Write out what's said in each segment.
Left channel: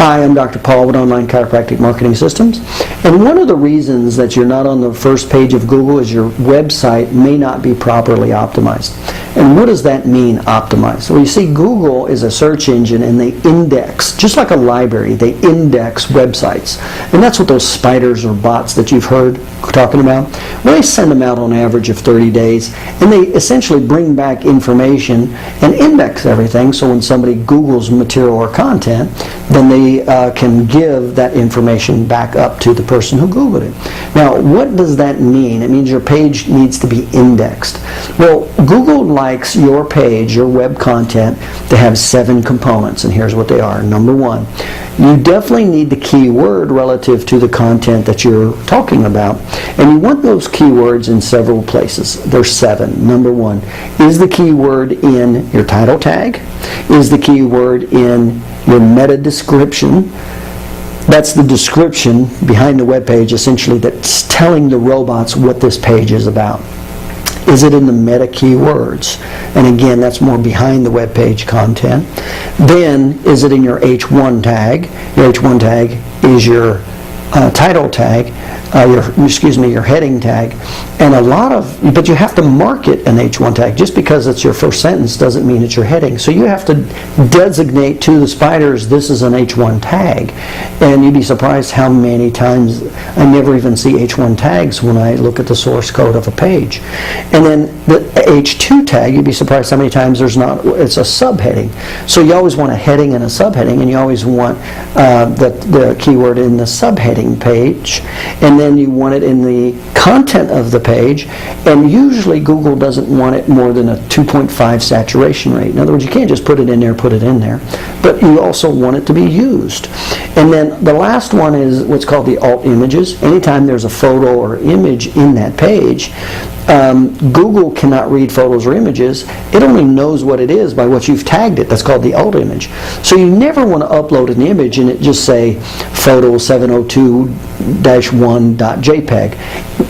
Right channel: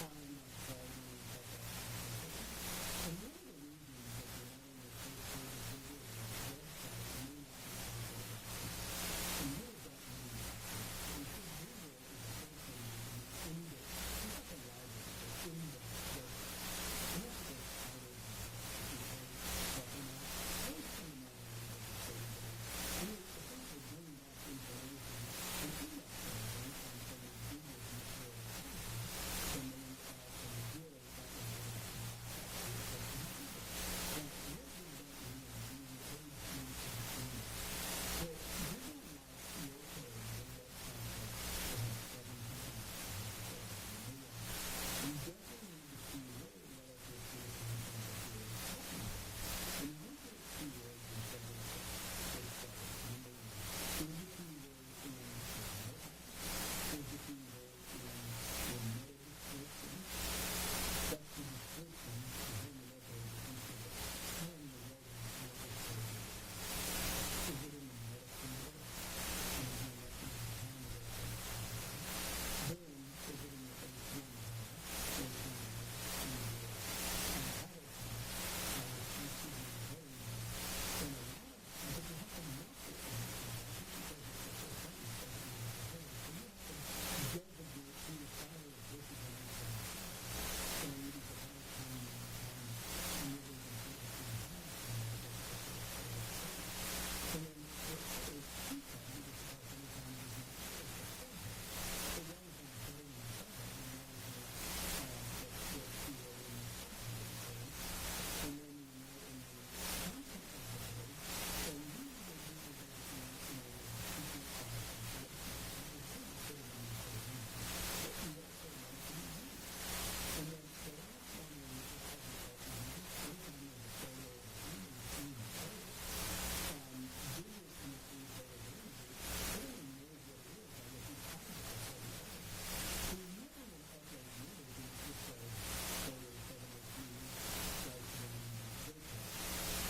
Hi, I'm Dr. Paul with Online Chiropractic Marketing Systems. And one of the reasons that you're not on the first page of Google is your website may not be properly optimized. And what does that mean, optimized? Well, you see, Google is a search engine and they index, just like a library, they index websites. And that's what those spiders or bots that you've heard talking about, well, they send them out on average of 30 days and they essentially bring back information and index everything, so when somebody Googles material or content, then they can give that information back up to the person who Googled it. Now, what does that mean? It means your page needs to be indexed. Well, Google likes your page, your web content, to have 7 components, and here's what they are. Number 1, you definitely need the keyword relative to the content that you're talking about, and you want those keywords in several places. There's 7. Number 1, is the keyword in your title tag? Is the keyword in your meta description? That's the description behind the web page, essentially, that's telling the robots what this page is about. Is it in the meta keywords? And again, that's more behind the web page content. Then, is it in your H1 tag? Your H1 tag is your title tag, your heading tag, and but you have to mark it an H1 tag. Just because it's your first sentence doesn't mean it's your heading. So you have to designate to the spiders, this is an H1 tag. And you'd be surprised how many times I never even see H1 tags when I look at the source code of a page. And then the H2 tag, you'd be surprised how many times it's a subheading. So you always want a heading and a subheading, and you always want the keyword in the subheading page, and then you want it in the content of the page, and usually Google doesn't want it more than a 2.5 saturation rate. In other words, you can't just put it in there, but you also want it to be used. And then the last one is what's called the alt images. Anytime there's a photo or image in that page, Google cannot read photos or images. It only knows what it is by what you've tagged it. That's called the alt image. So you never want to upload an image and it just say photo 702-1.jpg.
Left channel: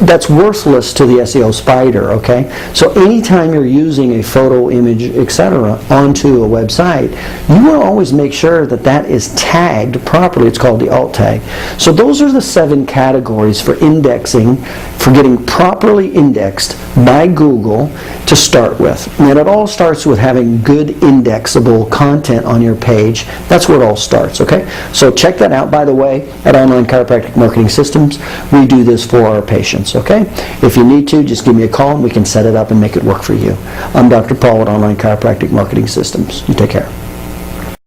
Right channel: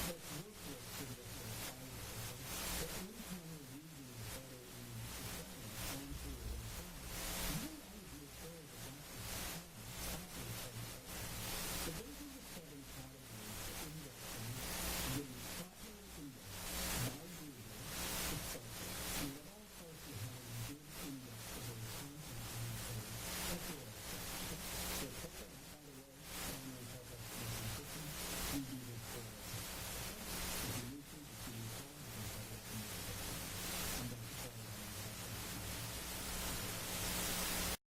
That's worthless to the SEO spider, okay? So anytime you're using a photo, image, etc. onto a website, you want to always make sure that that is tagged properly. It's called the alt tag. So those are the 7 categories for indexing, for getting properly indexed by Google to start with. And it all starts with having good indexable content on your page. That's where it all starts, okay? So check that out, by the way, at Online Chiropractic Marketing Systems. We do this for our patients, okay? If you need to, just give me a call and we can set it up and make it work for you. I'm Dr. Paul at Online Chiropractic Marketing Systems. You take care.